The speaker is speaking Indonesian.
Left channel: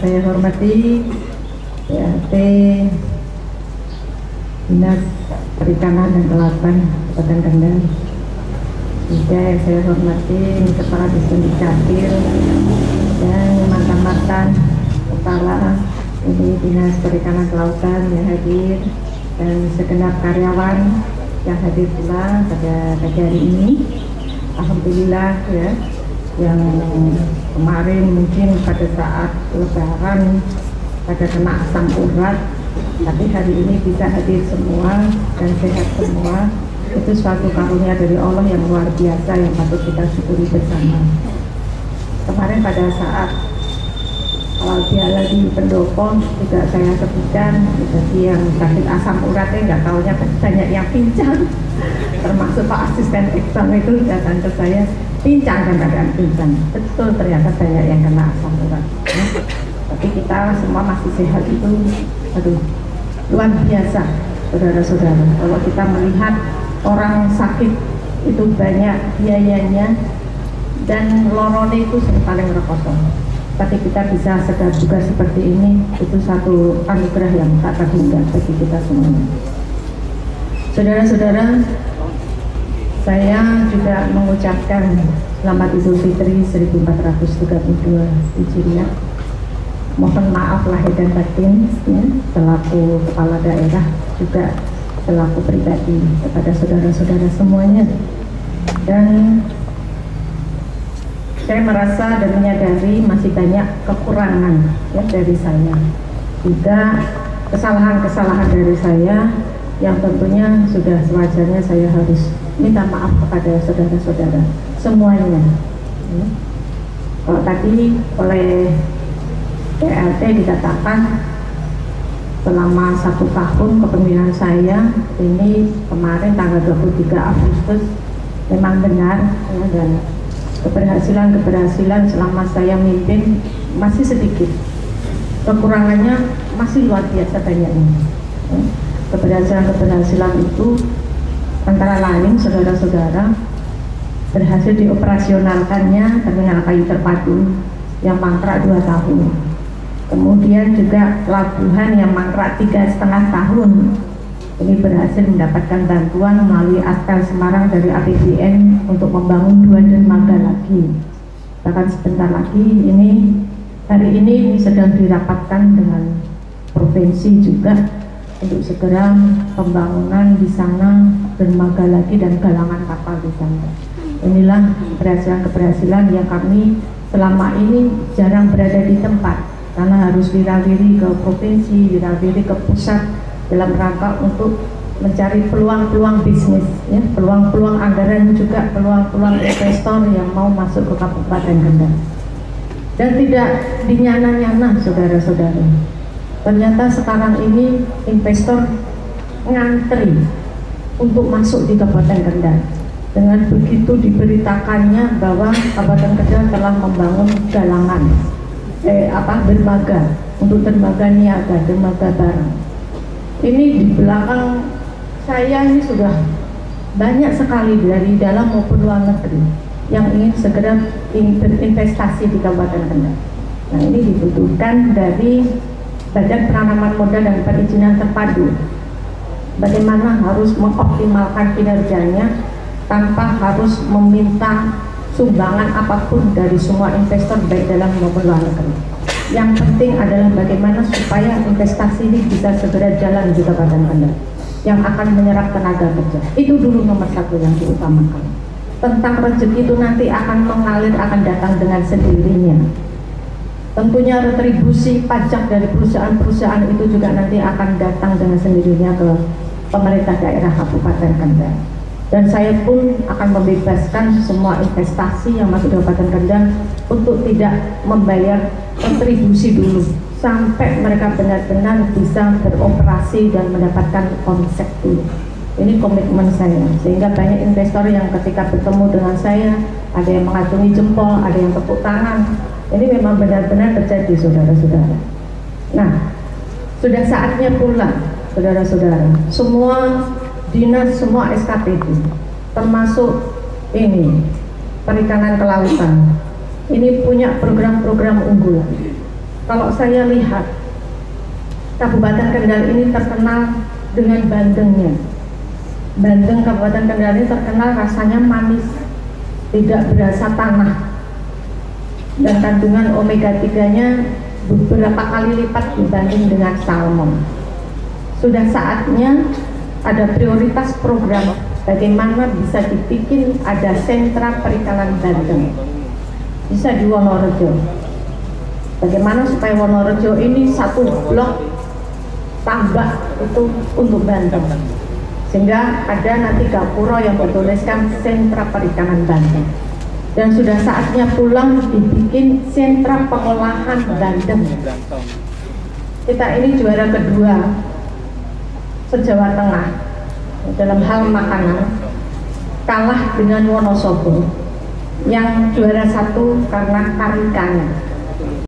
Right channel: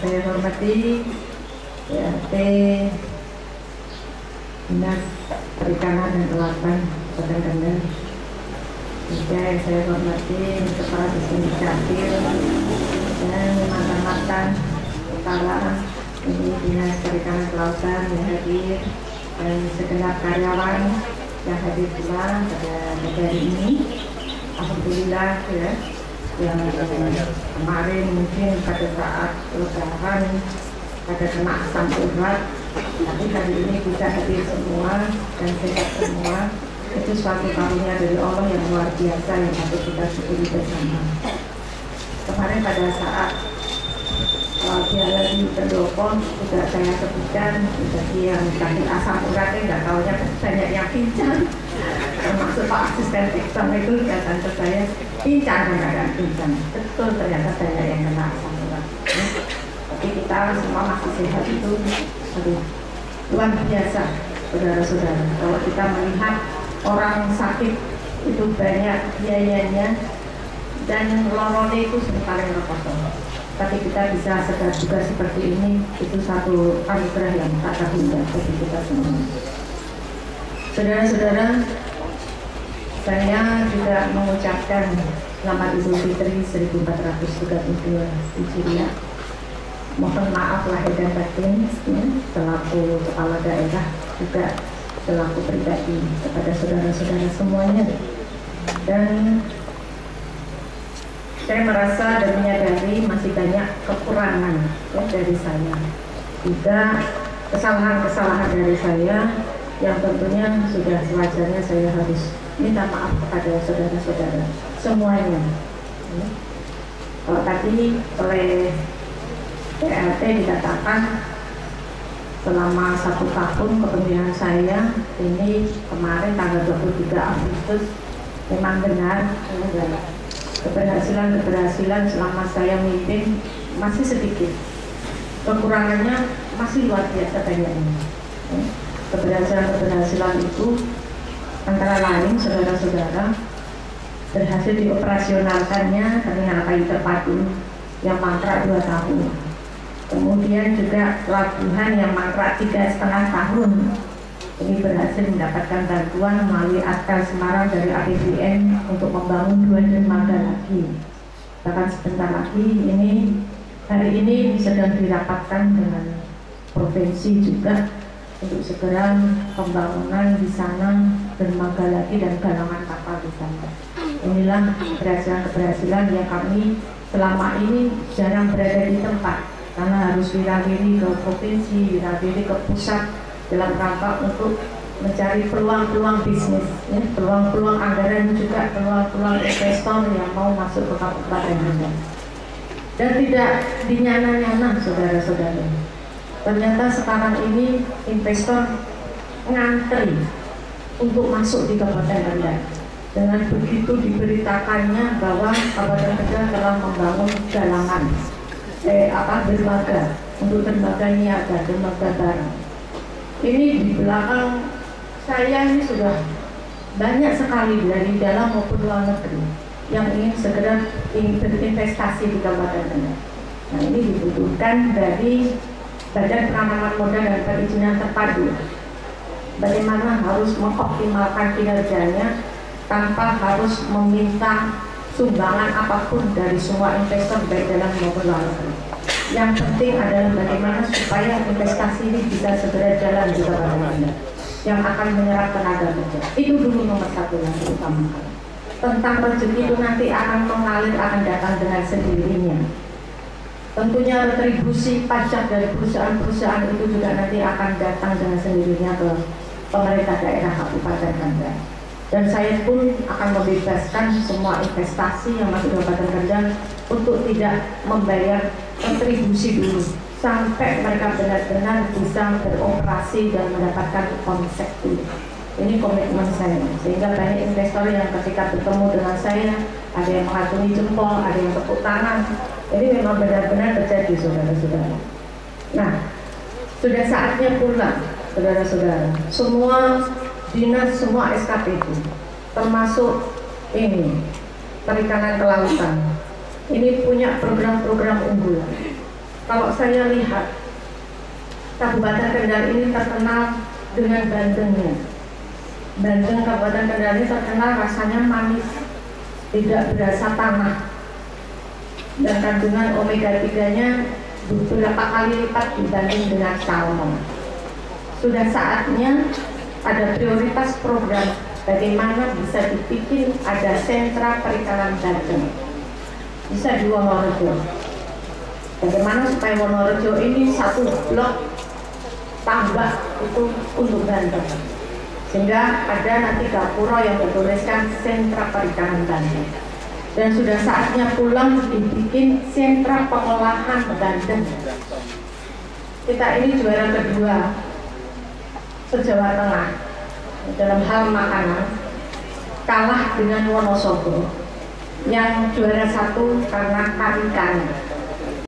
saya hormati PLT Dinas Perikanan dan Kelautan Kabupaten Kendal, juga yang saya hormati Kepala Dinas Capil dan mantan-mantan kepala ini Dinas Perikanan Kelautan yang hadir, dan segenap karyawan yang hadir pula pada pagi hari ini. Alhamdulillah ya, yang kemarin mungkin pada saat lebaran pada kena asam urat, tapi hari ini bisa hadir semua dan sehat semua. Itu suatu karunia dari Allah yang luar biasa yang patut kita syukuri bersama. Kemarin pada saat dia lagi pendopo juga saya sebutkan, jadi yang sakit asam uratnya nggak taunya banyak yang pincang, termasuk Pak Asisten Ekstern itu datang ke saya, pincang dan keadaan pincang. Betul, ternyata banyak yang kena asam urat. Tapi kita semua masih sehat, itu aduh luar biasa saudara-saudara. Kalau kita melihat orang sakit itu banyak biayanya dan lorone itu paling rekoso, tapi kita bisa sedar juga seperti ini, itu satu anugerah yang tak terhingga bagi kita semua. Saudara-saudara, saya juga mengucapkan selamat Idul Fitri 1432 Hijriah. Mohon maaf lahir dan batin ya, selaku kepala daerah juga selaku pribadi kepada saudara-saudara semuanya. Dan saya merasa dan menyadari masih banyak kekurangan ya dari saya, juga kesalahan-kesalahan dari saya yang tentunya sudah sewajarnya saya harus minta maaf kepada saudara-saudara semuanya. Kalau tadi oleh PLT dikatakan selama 1 tahun kepemimpinan saya ini, kemarin tanggal 23 Agustus memang benar ya, keberhasilan selama saya mimpin masih sedikit, kekurangannya masih luar biasa banyaknya. Keberhasilan itu antara lain saudara-saudara, berhasil dioperasionalkannya terminal kayu terpadu yang mangkrak 2 tahun, kemudian juga pelabuhan yang mangkrak 3,5 tahun. Ini berhasil mendapatkan bantuan melalui Askar Semarang dari APBN untuk membangun 2 dermaga lagi. Bahkan sebentar lagi hari ini sedang dirapatkan dengan provinsi juga untuk segera pembangunan di sana, dermaga lagi dan galangan kapal di sana. Inilah keberhasilan-keberhasilan yang kami selama ini jarang berada di tempat, karena harus wirawiri ke provinsi, wirawiri ke pusat dalam rangka untuk mencari peluang-peluang bisnis, ya, peluang-peluang anggaran, juga peluang-peluang investor yang mau masuk ke Kabupaten Kendal. Dan tidak dinyana-nyana saudara-saudara, ternyata sekarang ini investor ngantri untuk masuk di Kabupaten Kendal. Dengan begitu diberitakannya bahwa Kabupaten Kendal telah membangun galangan dermaga untuk dermaga niaga, dermaga barang. Ini di belakang saya ini sudah banyak sekali dari dalam maupun luar negeri yang ingin segera berinvestasi di Kabupaten Kendal. Nah, ini dibutuhkan dari Badan Penanaman Modal dan Perizinan Terpadu, bagaimana harus mengoptimalkan kinerjanya tanpa harus meminta sumbangan apapun dari semua investor baik dalam maupun luar negeri. Yang penting adalah bagaimana supaya investasi ini bisa segera jalan di Kabupaten Kendal yang akan menyerap tenaga kerja. Itu dulu nomor 1 yang diutamakan. Tentang rezeki itu nanti akan mengalir, akan datang dengan sendirinya. Tentunya retribusi pajak dari perusahaan-perusahaan itu juga nanti akan datang dengan sendirinya ke pemerintah daerah Kabupaten Kendal. Dan saya pun akan membebaskan semua investasi yang masuk di Kabupaten Kendal untuk tidak membayar kontribusi dulu sampai mereka benar-benar bisa beroperasi dan mendapatkan konsep dulu. Ini komitmen saya, sehingga banyak investor yang ketika bertemu dengan saya ada yang mengacungi jempol, ada yang tepuk tangan. Ini memang benar-benar terjadi saudara-saudara. Nah, sudah saatnya pula saudara-saudara, semua dinas, semua SKPD, termasuk ini Perikanan Kelautan, ini punya program-program unggulan. kalau saya lihat Kabupaten Kendal ini terkenal dengan bandengnya. Bandeng Kabupaten Kendal ini terkenal rasanya manis, tidak berasa tanah, dan kandungan omega 3-nya beberapa kali lipat dibanding dengan salmon. Sudah saatnya ada prioritas program bagaimana bisa dibikin ada sentra perikanan bandeng, bisa di Wonorejo. Bagaimana supaya Wonorejo ini satu blok tambak itu untuk bandeng, sehingga ada nanti gapura yang bertuliskan sentra perikanan bandeng. Dan sudah saatnya pulang dibikin sentra pengolahan bandeng. Kita ini juara kedua se-Jawa Tengah dalam hal makanan, kalah dengan Wonosobo yang juara satu karena karikanya.